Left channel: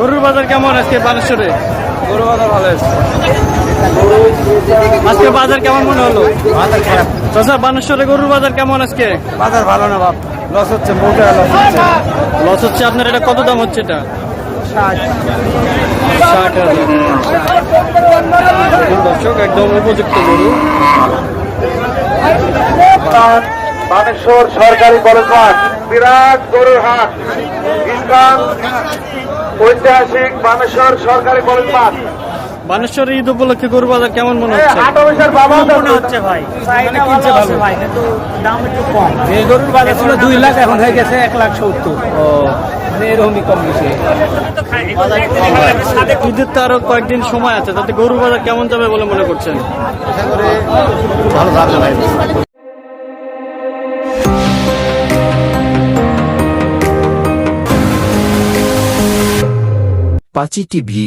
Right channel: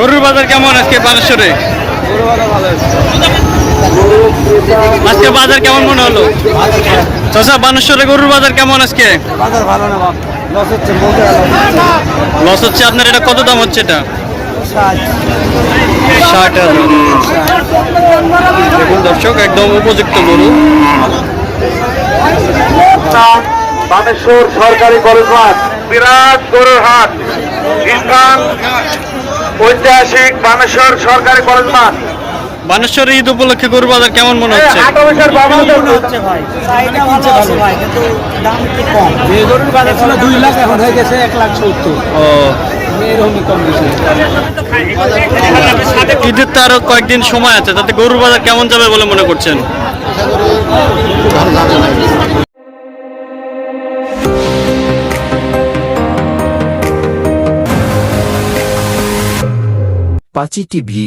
গরুর বাজার কেমন আজকে বানেশ্বরে? গরু বাজার ভালো হয়েছে। আজকে বাজার কেমন মনে হলো? বাজার খারাপ। চাচা, বানেশ্বরে গরুর বাজার কেমন আজকে? বাজার ভালো না বাপ, লস হচ্ছে, মৌজা লস হচ্ছে। লস হচ্ছে আপনার? এটা কত দাম হচ্ছে এটা? 60,000। দেখুন দর্শক, একদম উপযুক্ত গরু। বানেশ্বর সরকারি কলেজ মাঠ, বিরাট গরুর হাট, ইস্কান ঐতিহাসিক বানেশ্বর সরকারি কলেজ মাঠ। বানেশ্বরে ঈদ উপলক্ষে গরুর বাজার কেমন মনে হচ্ছে? মনে হচ্ছে ভাই, চাহিদা কিনছে ভালো ভাই, কিন্তু দাম একটু কম। যে গরুর বাজার ছিল 2 লাখ, এখন হয়ে গেছে 1,70,000। ও, এরকমই কম বেশি। ঈদের তো আরো কয়েকদিন সময় আছে, তাতে গরুর বাজার কেমন যাবে বলে মনে করছেন? আশা করি ভালো যাবে ভাই। পাঁচি টিভি